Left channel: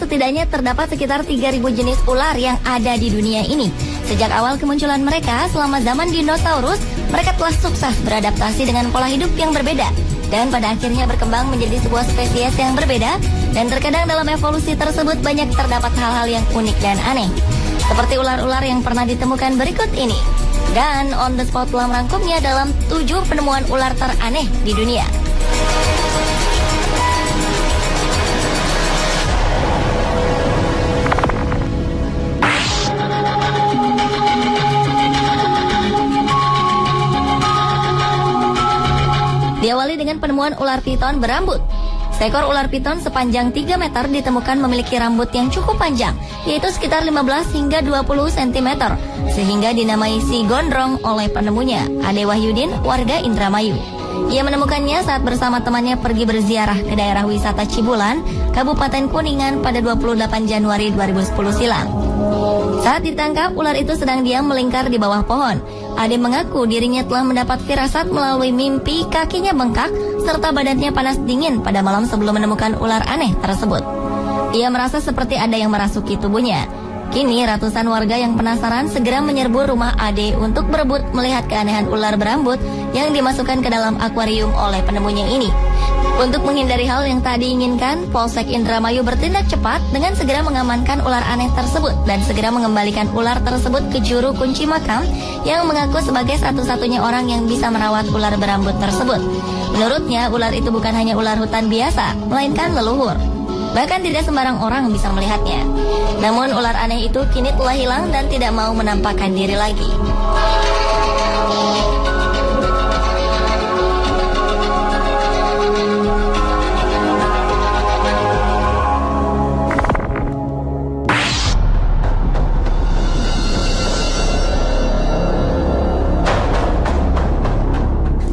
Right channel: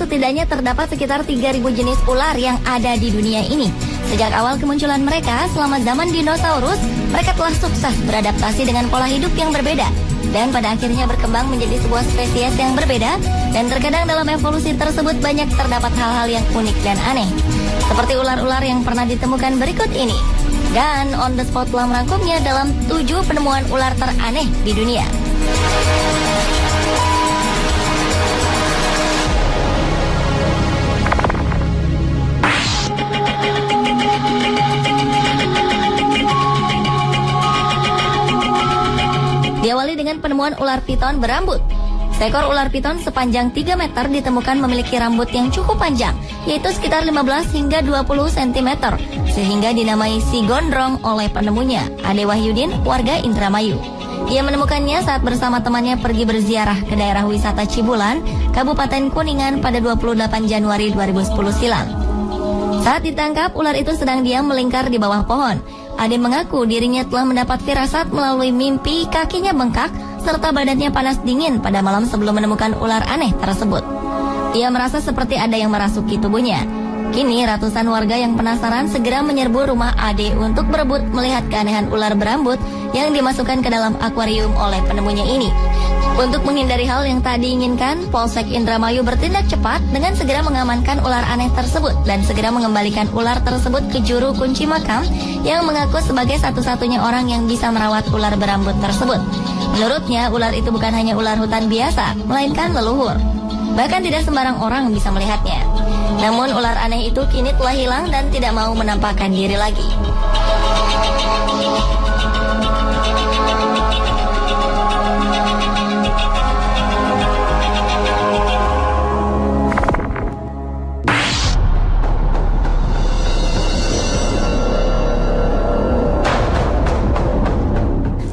setidaknya terdapat sekitar 3.000 jenis ular yang ada di dunia ini. Sejak awal kemunculan mereka selama zaman dinosaurus, mereka telah sukses beradaptasi dengan pola hidup yang berbeda. Dan pada akhirnya berkembang menjadi sebuah spesies yang berbeda. Dan terkadang dalam evolusi tersebut banyak terdapat hal-hal yang unik dan aneh. Seperti ular-ular yang pernah ditemukan berikut ini. Dan On The Spot telah merangkumnya dalam 7 penemuan ular teraneh di dunia. Diawali dengan penemuan ular piton berambut. Seekor ular piton sepanjang 3 meter ditemukan memiliki rambut yang cukup panjang, yaitu sekitar 15 hingga 20 cm, sehingga dinamai si gondrong oleh penemunya, Ade Wahyudin, warga Indramayu. Ia menemukannya saat bersama temannya pergi berziarah ke daerah wisata Cibulan, Kabupaten Kuningan pada 28 Januari 2010 silam. Saat ditangkap, ular itu sedang diam melingkar di bawah pohon. Ade mengaku dirinya telah mendapat firasat melalui mimpi kakinya bengkak serta badannya panas dingin pada malam sebelum menemukan ular aneh tersebut. Ia merasa seperti ada yang merasuki tubuhnya. Kini ratusan warga yang penasaran segera menyerbu rumah Ade untuk berebut melihat keanehan ular berambut yang dimasukkan ke dalam akuarium oleh penemunya ini. Untuk menghindari hal yang tak diinginkan, Polsek Indramayu bertindak cepat dengan segera mengamankan ular aneh tersebut dan segera mengembalikan ular tersebut ke juru kunci makam yang mengaku sebagai satu-satunya orang yang bisa merawat ular berambut tersebut. Menurutnya, ular itu bukan hanya ular hutan biasa, melainkan leluhur. Bahkan tidak sembarang orang bisa melihatnya. Namun ular aneh itu kini telah hilang dan tidak mau menampakkan diri lagi.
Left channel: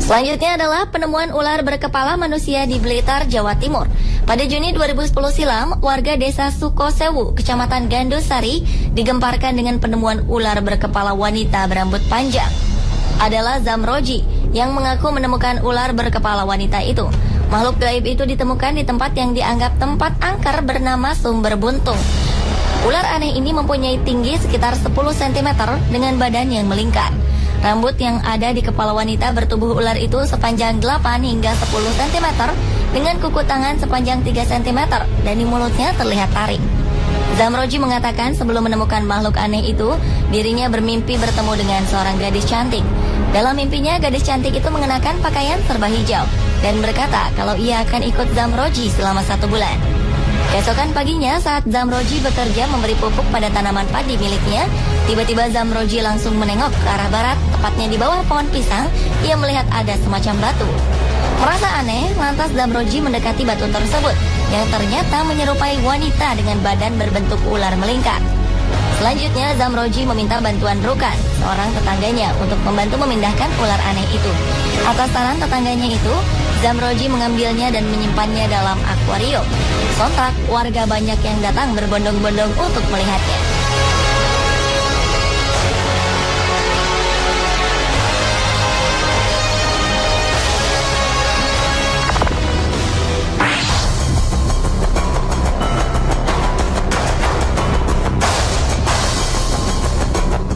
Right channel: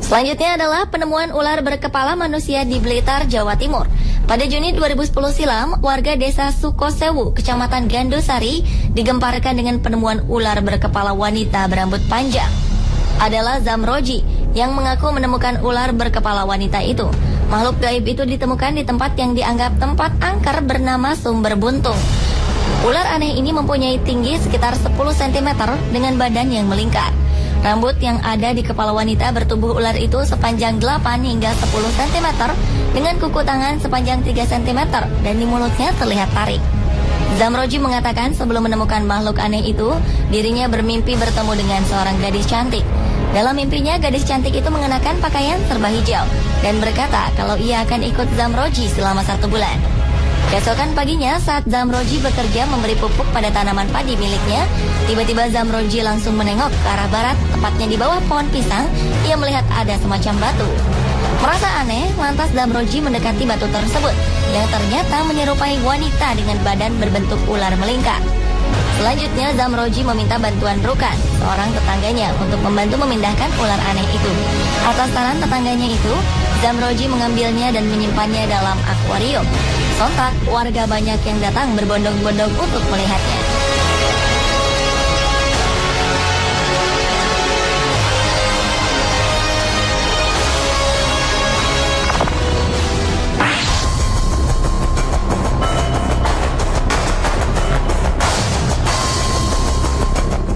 Selanjutnya adalah penemuan ular berkepala manusia di Blitar, Jawa Timur. Pada Juni 2010 silam, warga desa Sukosewu, Kecamatan Gandusari, digemparkan dengan penemuan ular berkepala wanita berambut panjang. Adalah Zamroji yang mengaku menemukan ular berkepala wanita itu. Makhluk gaib itu ditemukan di tempat yang dianggap tempat angker bernama Sumber Buntung. Ular aneh ini mempunyai tinggi sekitar 10 cm dengan badan yang melingkar. Rambut yang ada di kepala wanita bertubuh ular itu sepanjang 8 hingga 10 cm dengan kuku tangan sepanjang 3 cm dan di mulutnya terlihat taring. Zamroji mengatakan sebelum menemukan makhluk aneh itu, dirinya bermimpi bertemu dengan seorang gadis cantik. Dalam mimpinya, gadis cantik itu mengenakan pakaian serba hijau dan berkata kalau ia akan ikut Zamroji selama 1 bulan. Keesokan paginya saat Zamroji bekerja memberi pupuk pada tanaman padi miliknya, tiba-tiba Zamroji langsung menengok ke arah barat, tepatnya di bawah pohon pisang. Ia melihat ada semacam batu. Merasa aneh, lantas Zamroji mendekati batu tersebut, yang ternyata menyerupai wanita dengan badan berbentuk ular melingkar. Selanjutnya Zamroji meminta bantuan Rukan, seorang tetangganya, untuk membantu memindahkan ular aneh itu. Atas saran tetangganya itu, Zamroji mengambilnya dan menyimpannya dalam akuarium. Sontak, warga banyak yang datang berbondong-bondong untuk melihatnya.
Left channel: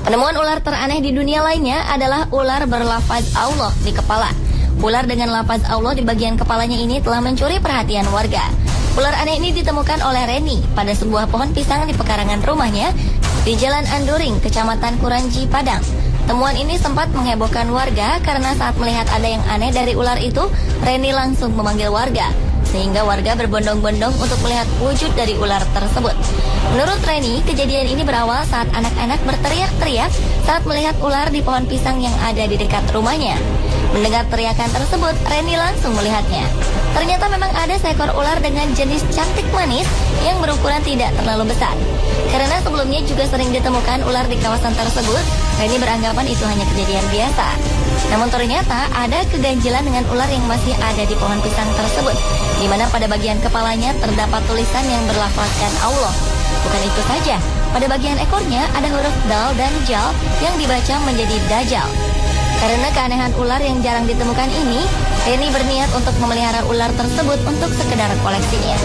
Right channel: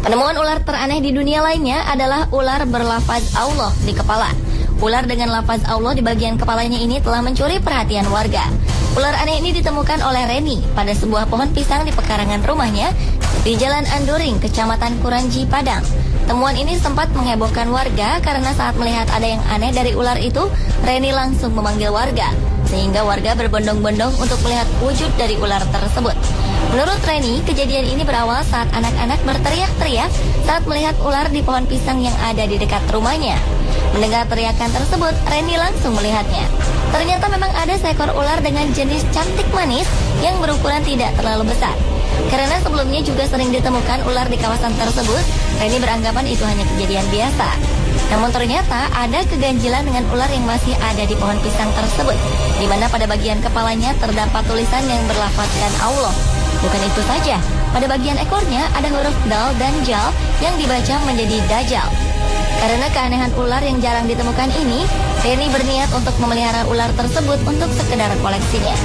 Penemuan ular teraneh di dunia lainnya adalah ular berlafaz Allah di kepala. Ular dengan lafaz Allah di bagian kepalanya ini telah mencuri perhatian warga. Ular aneh ini ditemukan oleh Reni pada sebuah pohon pisang di pekarangan rumahnya di Jalan Anduring, Kecamatan Kuranji, Padang. Temuan ini sempat menghebohkan warga karena saat melihat ada yang aneh dari ular itu, Reni langsung memanggil warga, sehingga warga berbondong-bondong untuk melihat wujud dari ular tersebut. Menurut Reni, kejadian ini berawal saat anak-anak berteriak-teriak saat melihat ular di pohon pisang yang ada di dekat rumahnya. Mendengar teriakan tersebut, Reni langsung melihatnya. Ternyata memang ada seekor ular dengan jenis cantik manis yang berukuran tidak terlalu besar. Karena sebelumnya juga sering ditemukan ular di kawasan tersebut, Reni beranggapan itu hanya kejadian biasa. Namun ternyata ada keganjilan dengan ular yang masih ada di pohon pisang tersebut, di mana pada bagian kepalanya terdapat tulisan yang berlafazkan Allah. Bukan itu saja, pada bagian ekornya ada huruf dal dan jal yang dibaca menjadi Dajjal. Karena keanehan ular yang jarang ditemukan ini, Reni berniat untuk memelihara ular tersebut untuk sekedar koleksinya.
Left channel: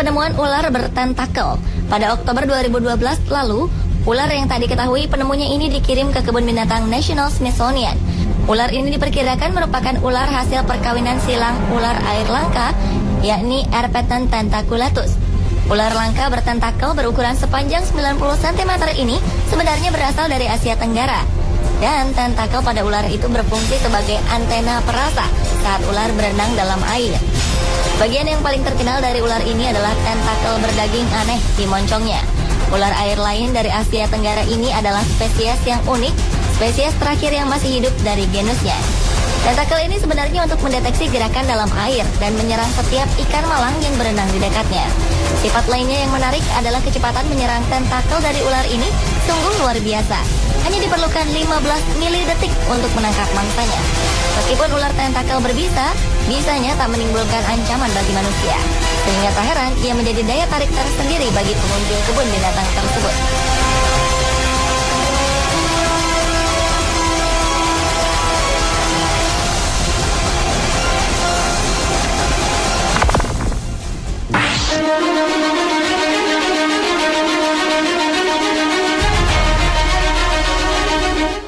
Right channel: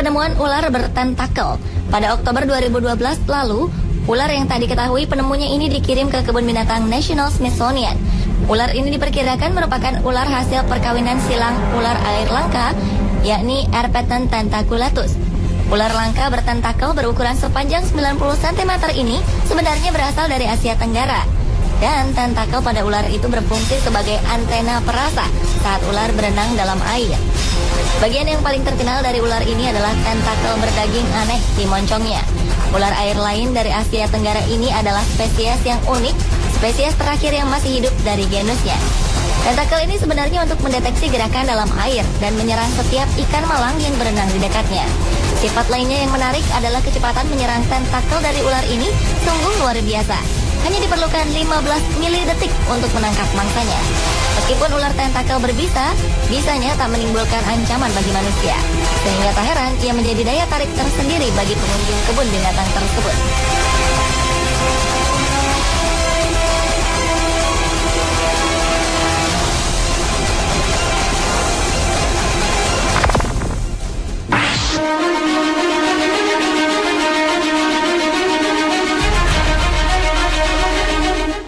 penemuan ular bertentakel. Pada Oktober 2012 lalu, ular yang tak diketahui penemunya ini dikirim ke kebun binatang National Smithsonian. Ular ini diperkirakan merupakan ular hasil perkawinan silang ular air langka, yakni Erpeton tentaculatus. Ular langka bertentakel berukuran sepanjang 90 cm ini sebenarnya berasal dari Asia Tenggara. Dan tentakel pada ular itu berfungsi sebagai antena perasa saat ular berenang dalam air. Bagian yang paling terkenal dari ular ini adalah tentakel berdaging aneh di moncongnya. Ular air lain dari Asia Tenggara ini adalah spesies yang unik, spesies terakhir yang masih hidup dari genusnya. Tentakel ini sebenarnya untuk mendeteksi gerakan dalam air dan menyerang setiap ikan malang yang berenang di dekatnya. Sifat lainnya yang menarik adalah kecepatan menyerang tentakel dari ular ini sungguh luar biasa. Hanya diperlukan 15 milidetik untuk menangkap mangsanya. Meskipun ular tentakel berbisa, bisanya tak menimbulkan ancaman bagi manusia. Sehingga tak heran ia menjadi daya tarik tersendiri bagi pengunjung kebun binatang tersebut.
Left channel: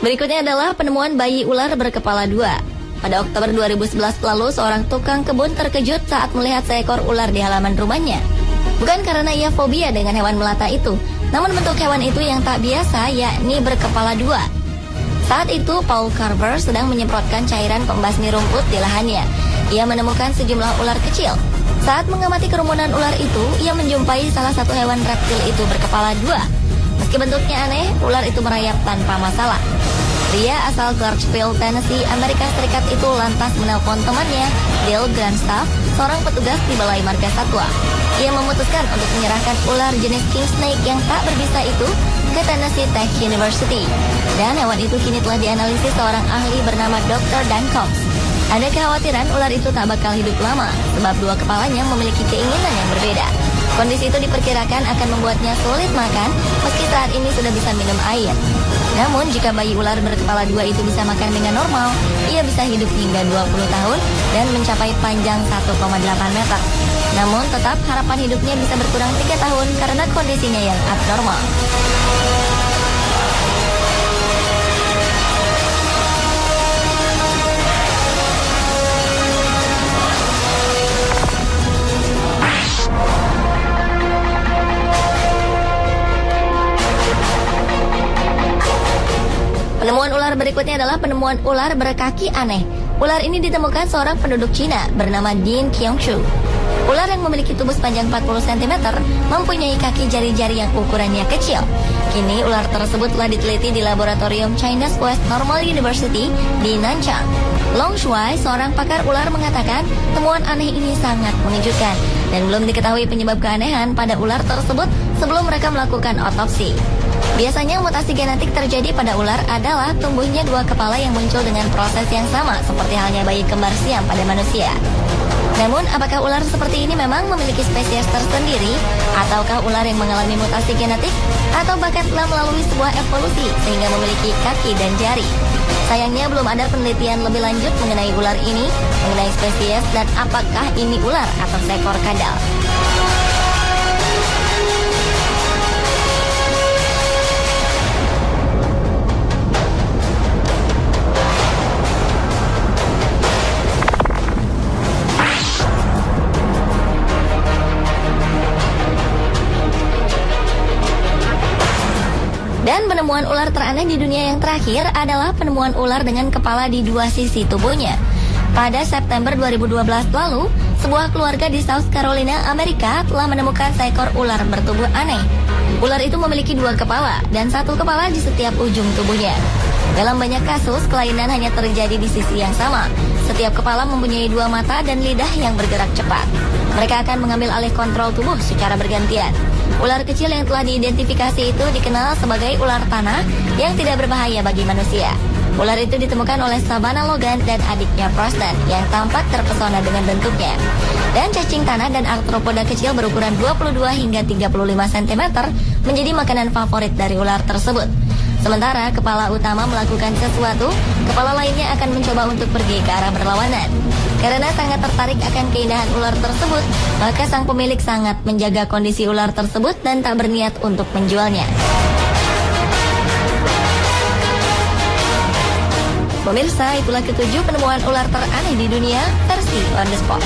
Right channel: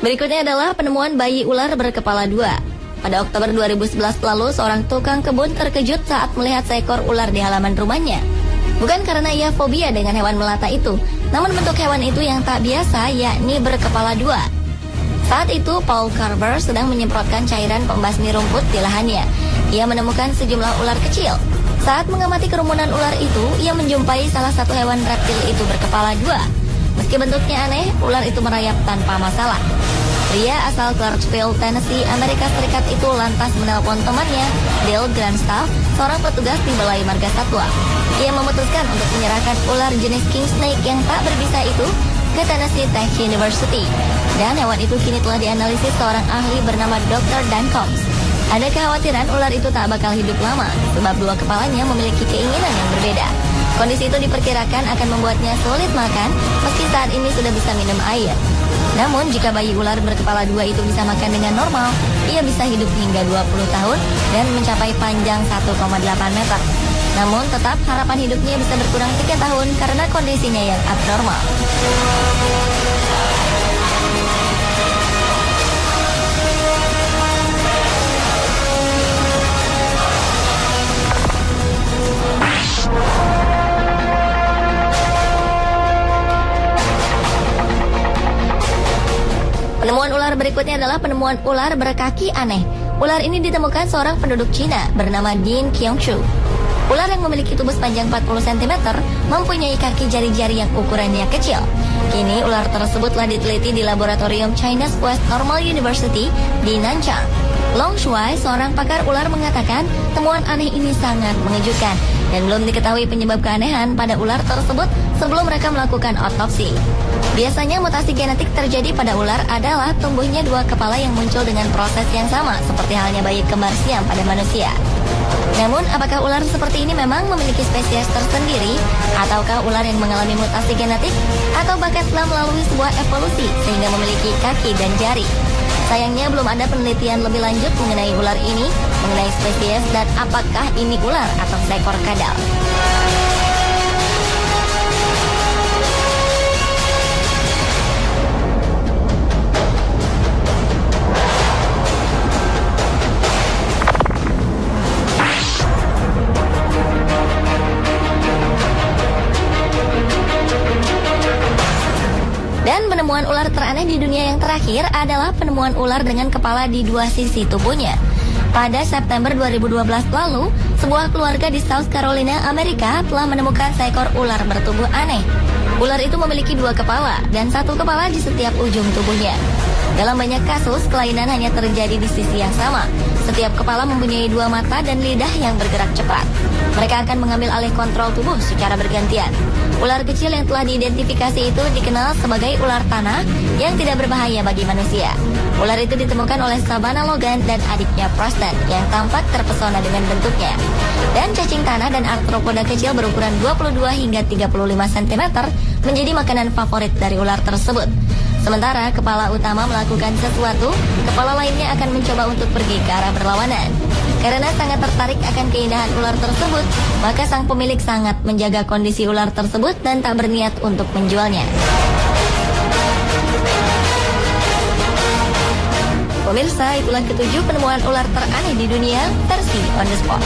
Berikutnya adalah penemuan bayi ular berkepala dua. Pada Oktober 2011 lalu, seorang tukang kebun terkejut saat melihat seekor ular di halaman rumahnya. Bukan karena ia fobia dengan hewan melata itu, namun bentuk hewan itu yang tak biasa, yakni berkepala dua. Saat itu, Paul Carver sedang menyemprotkan cairan pembasmi rumput di lahannya. Ia menemukan sejumlah ular kecil. Saat mengamati kerumunan ular itu, ia menjumpai salah satu hewan reptil itu berkepala dua. Meski bentuknya aneh, ular itu merayap tanpa masalah. Pria asal Clarksville, Tennessee, Amerika Serikat itu lantas menelpon temannya, Bill Grandstaff, seorang petugas di Balai Marga Satwa. Ia memutuskan untuk menyerahkan ular jenis king snake yang tak berbisa itu ke Tennessee Tech University. Dan hewan itu kini telah dianalisis seorang ahli bernama Dr. Dan Combs. Ada kekhawatiran ular itu tak bakal hidup lama, sebab dua kepalanya memiliki keinginan yang berbeda. Kondisi itu diperkirakan akan membuatnya sulit makan, meski saat ini sudah bisa minum air. Namun, jika bayi ular berkepala dua itu bisa makan dengan normal, ia bisa hidup hingga 20 tahun dan mencapai panjang 1,8 meter. Namun, tetap harapan hidupnya bisa berkurang 3 tahun karena kondisinya yang abnormal. Berikutnya adalah penemuan ular berkaki aneh. Ular ini ditemukan seorang penduduk Cina bernama Ding Qiangshu. Ular yang memiliki tubuh sepanjang 40 cm mempunyai kaki jari-jari yang ukurannya kecil. Kini ular tersebut telah diteliti di laboratorium China's West Normal University di Nanchang. Long Shuai, seorang pakar ular, mengatakan temuan aneh ini sangat mengejutkan dan belum diketahui penyebab keanehan pada ular tersebut sebelum mereka melakukan otopsi. Biasanya mutasi genetik terjadi pada ular adalah tumbuhnya dua kepala yang muncul dengan proses yang sama seperti halnya bayi kembar siam pada manusia. Namun, apakah ular seperti ini memang memiliki spesies tersendiri? Ataukah ular yang mengalami mutasi genetik? Atau bahkan telah melalui sebuah evolusi sehingga memiliki kaki dan jari? Sayangnya belum ada penelitian lebih lanjut mengenai ular ini, mengenai spesies dan apakah ini ular atau seekor kadal. Penemuan ular teraneh di dunia yang terakhir adalah penemuan ular dengan kepala di dua sisi tubuhnya. Pada September 2012 lalu, sebuah keluarga di South Carolina, Amerika telah menemukan seekor ular bertubuh aneh. Ular itu memiliki dua kepala dan satu kepala di setiap ujung tubuhnya. Dalam banyak kasus, kelainan hanya terjadi di sisi yang sama. Setiap kepala mempunyai dua mata dan lidah yang bergerak cepat. Mereka akan mengambil alih kontrol tubuh secara bergantian. Ular kecil yang telah diidentifikasi itu dikenal sebagai ular tanah yang tidak berbahaya bagi manusia. Ular itu ditemukan oleh Savannah Logan dan adiknya Preston yang tampak terpesona dengan bentuknya. Dan cacing tanah dan arthropoda kecil berukuran 22 hingga 35 cm menjadi makanan favorit dari ular tersebut. Sementara kepala utama melakukan sesuatu, kepala lainnya akan mencoba untuk pergi ke arah berlawanan. Karena sangat tertarik akan keindahan ular tersebut, maka sang pemilik sangat menjaga kondisi ular tersebut dan tak berniat untuk menjualnya. Pemirsa, itulah ketujuh penemuan ular teraneh di dunia versi On The Spot.